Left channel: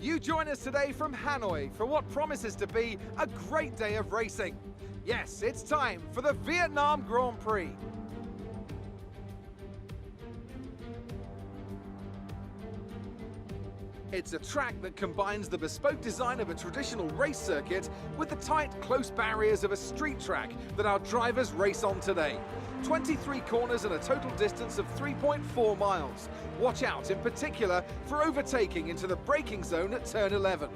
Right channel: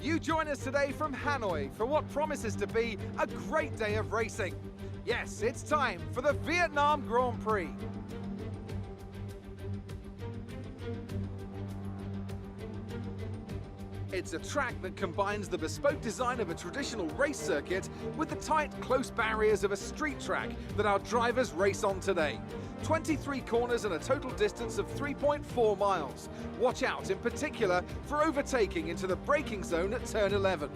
You join us today from Hanoi for what promises to be a great day of racing. Yes, it's time for the Vietnam Grand Prix. It's a track that combines the bespoke design of a traditional race circuit with the tight, close barriers of a street track that our drivers race on today. 23 corners and a total distance of 3.4 miles. Watch out in particular for overtaking into the braking zone at turn 11.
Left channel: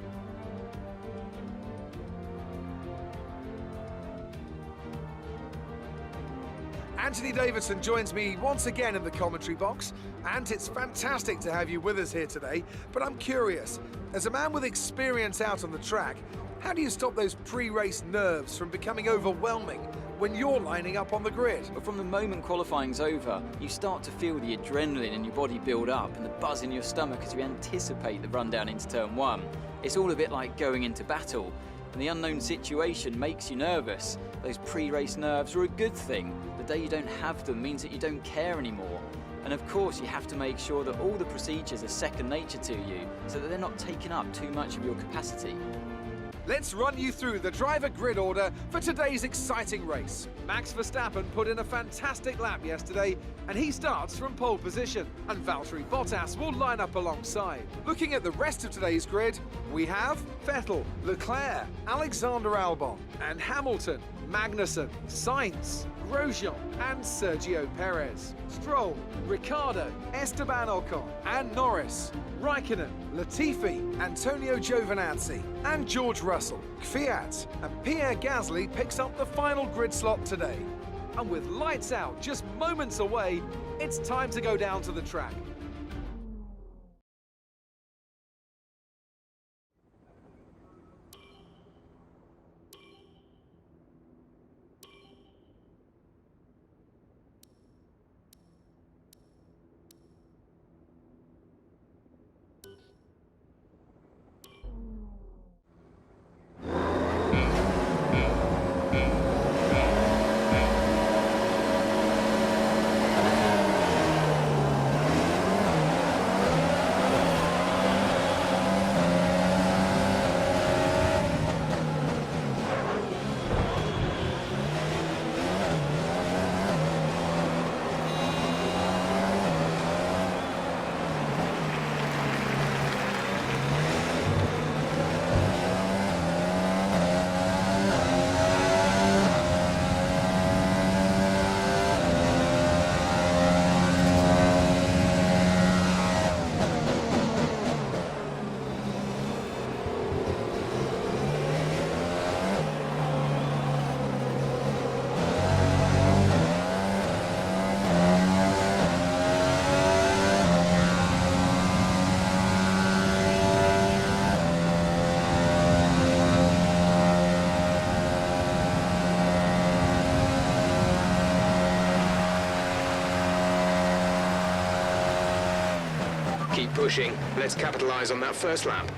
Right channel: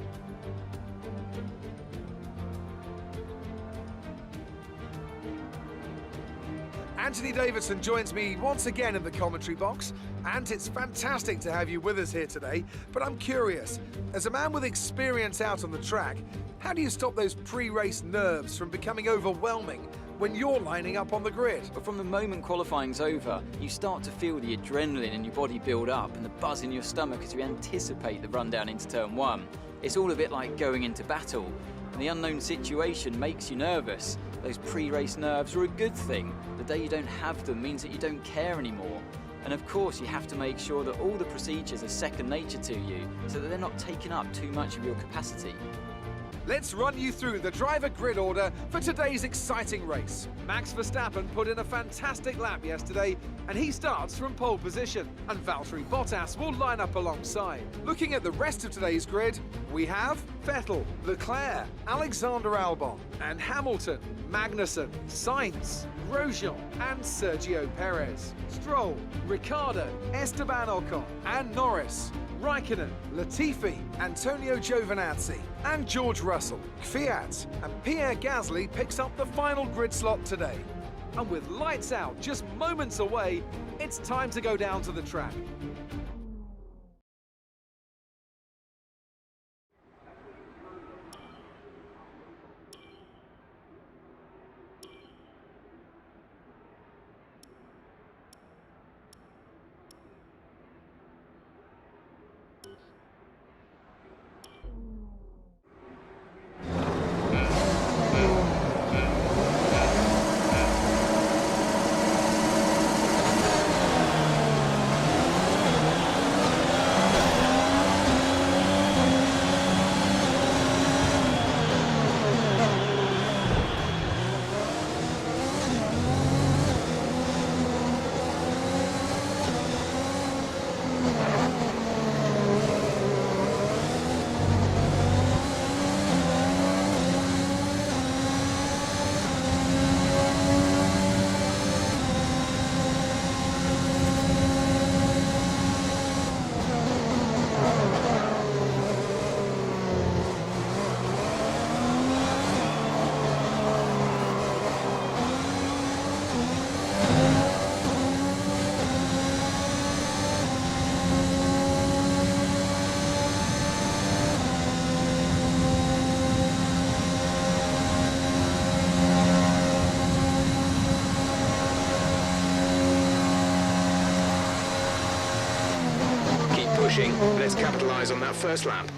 Anthony Davidson joins me once again in the commentary box, and it's fantastic to have you with us here today. But I'm curious, as a man with experience out on the track, how do you stop those pre-race nerves from becoming overwhelming when you're lining up on the grid? But from the moment qualifying's over, you start to feel the adrenaline in your body build up and the buzz in your stomach as you anticipate the run down into turn 1. It's all a bit like going into battle, and the unknown situation makes you nervous. Those pre-race nerves are a good thing. The day you don't have them means that you don't care anymore. And of course, you have to make sure that all the procedures are second nature to you, so that they're not taking up too much of your capacity. Let's run you through the driver grid order for today's exciting race. Max Verstappen put in a fantastic lap yesterday, and he starts from pole position, and Valtteri Bottas will line up alongside. Looking at the rest of today's grid, we have Vettel, Leclerc, Alexander Albon, and Hamilton, Magnussen, Sainz, Grosjean, and Sergio Perez. Stroll, Ricciardo, Esteban Ocon, and Norris. Raikkonen, Latifi, Antonio Giovinazzi, and George Russell. Kvyat and Pierre Gasly picks up the final grid slot today. And with lights out just moments away, it's time to go down to the track. Keep pushing. Let's capitalize on that first lap.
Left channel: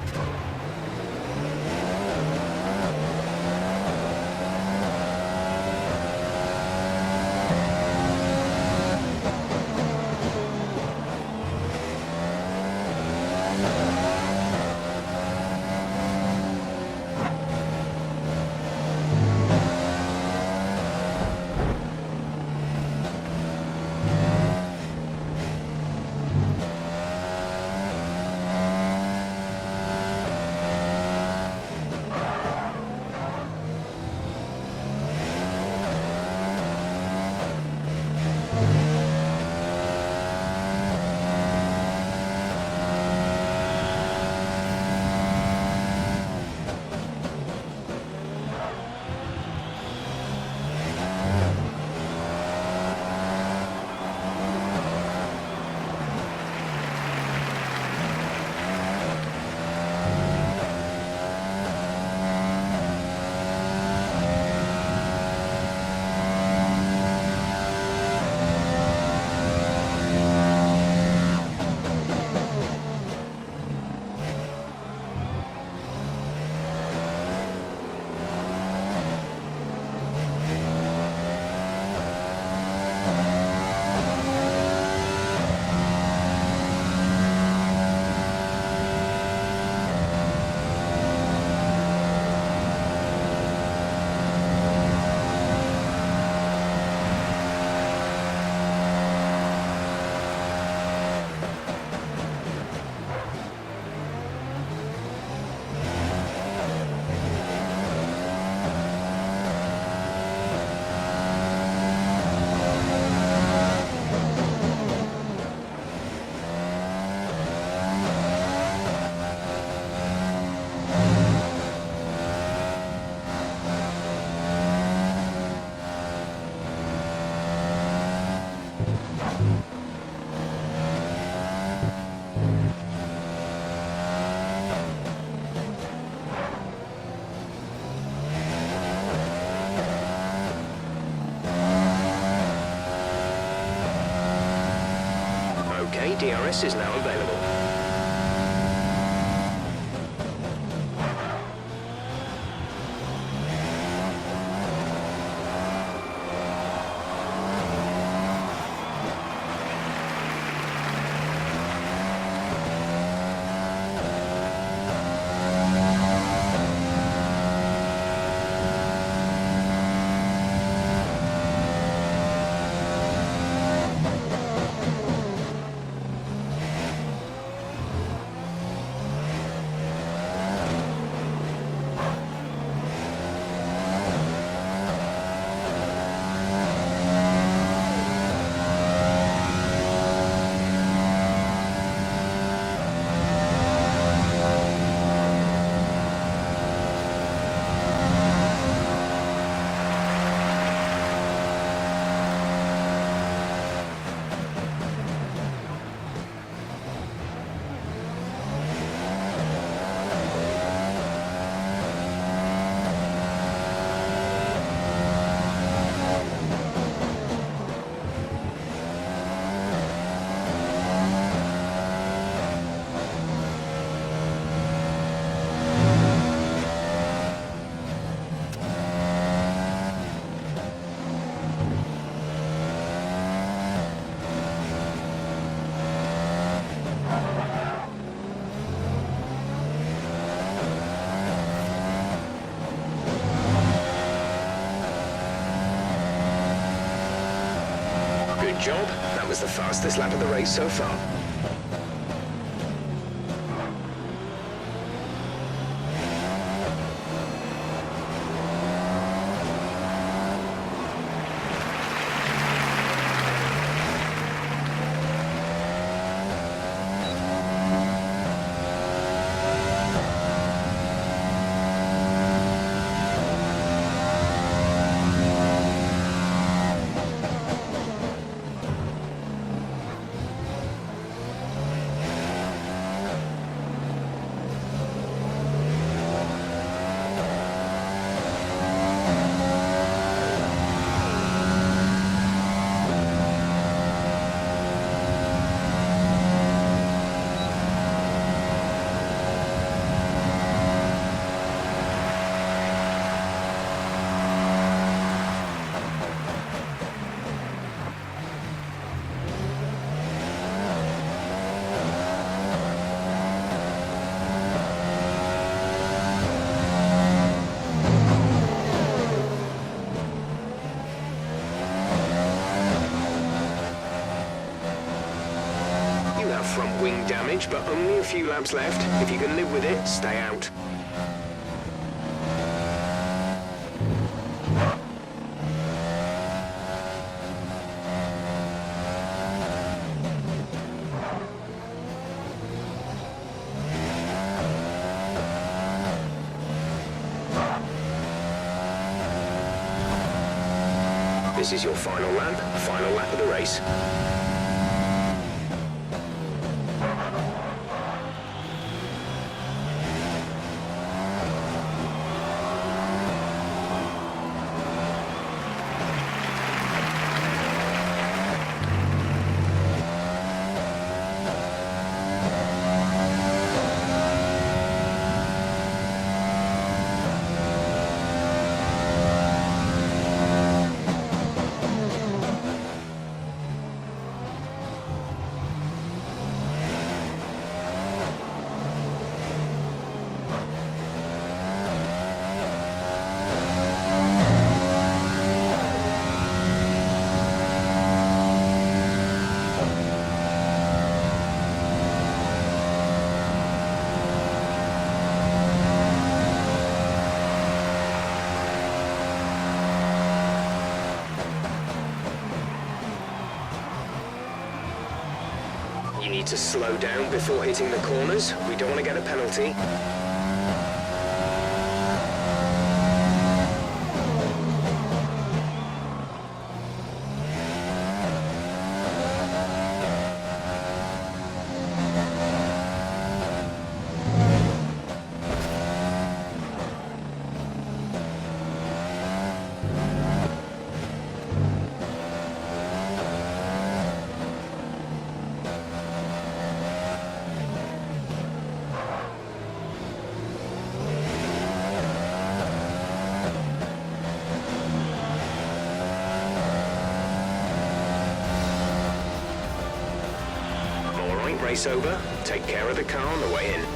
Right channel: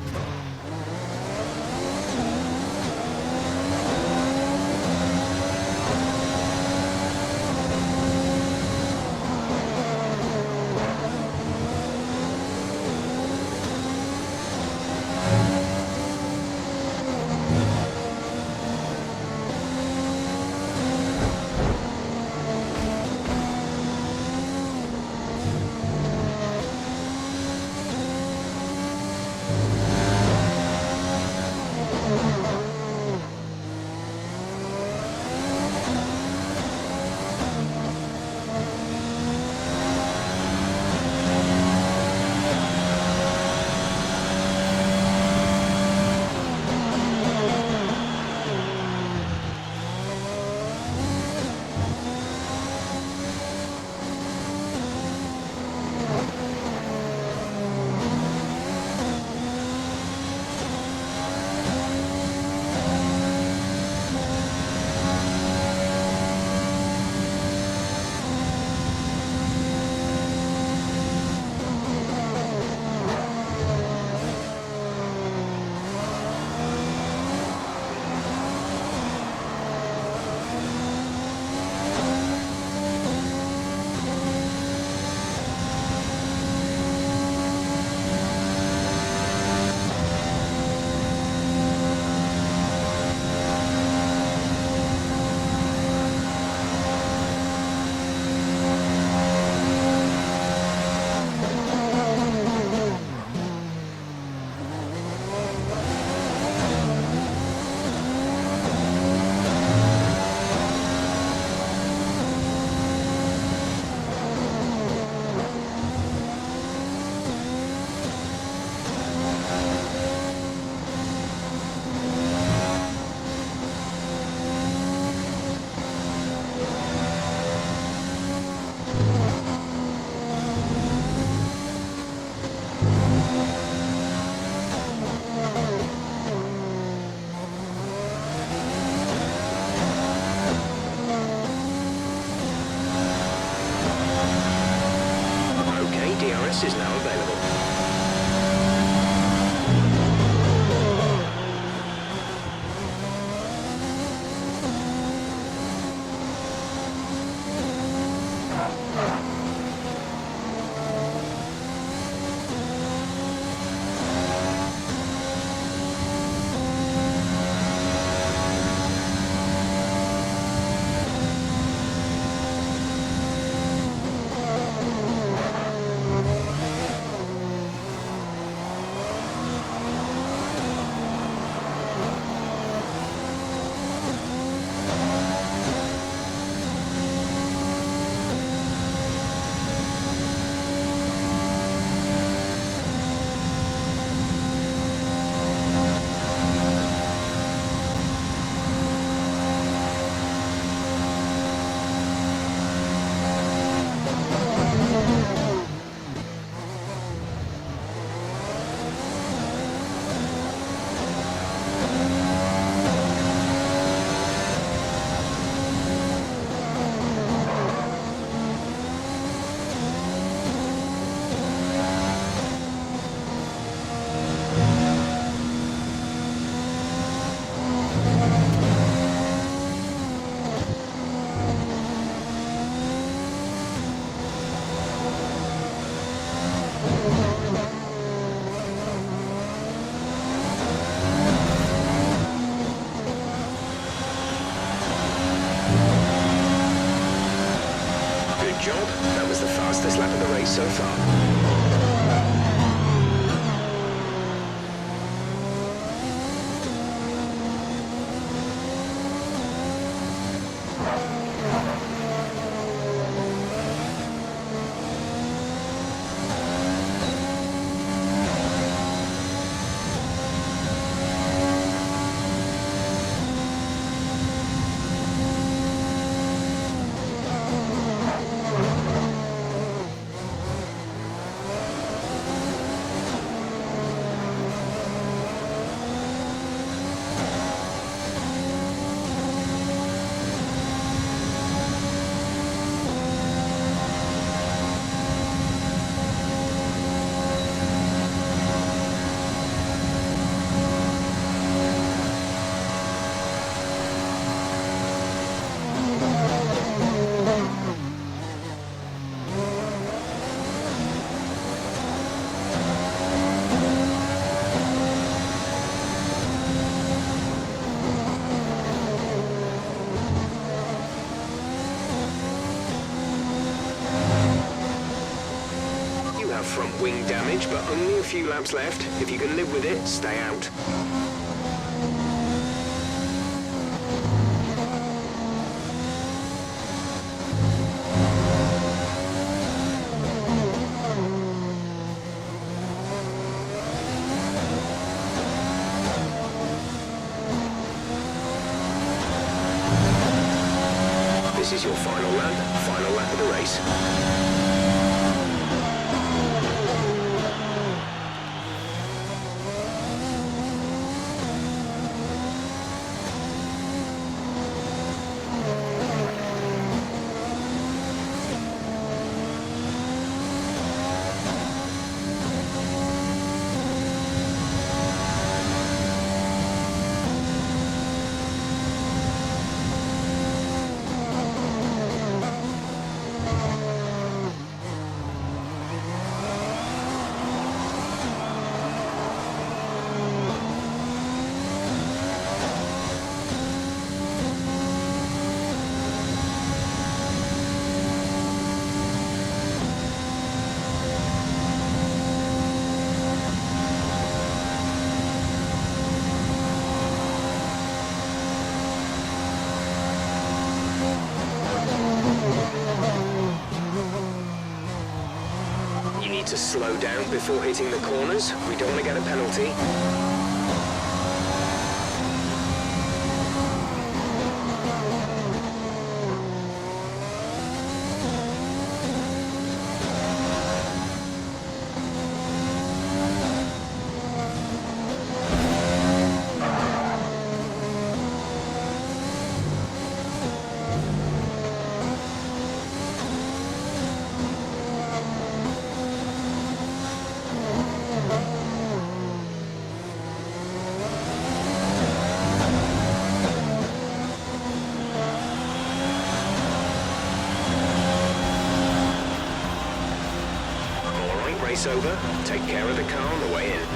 Okay, DRS is now available. Good job. That was the fastest lap of the race so far. You have front wing damage, but only a few laps left. If you can live with it, stay out. This is your final lap of the race. You need to slow down before hitting the corners. We don't want to get a penalty. think race over? Take care of the car on the way in.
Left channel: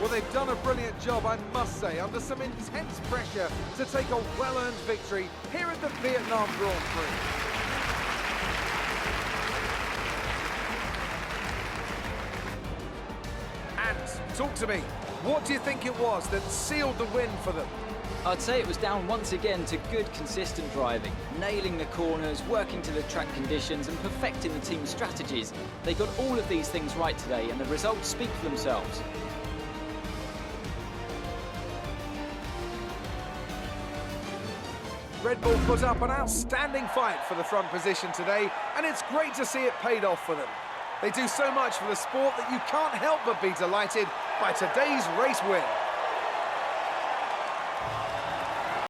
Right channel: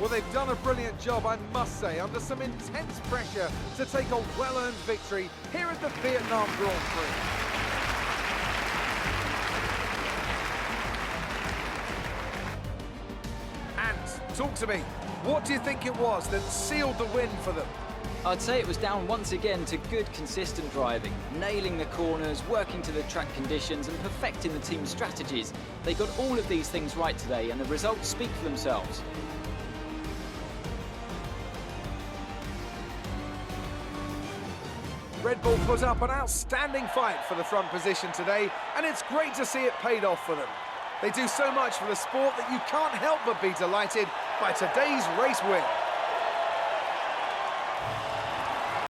Well, they've done a brilliant job, I must say, under some intense pressure to take a well-earned victory here at the Vietnam Grand Prix. And talk to me, what do you think it was that sealed the win for them? I'd say it was down once again to good, consistent driving, nailing the corners, working to the track conditions and perfecting the team's strategies. They got all of these things right today and the results speak for themselves. Red Bull put up an outstanding fight for the front position today, and it's great to see it paid off for them. They do so much for the sport that you can't help but be delighted by today's race win.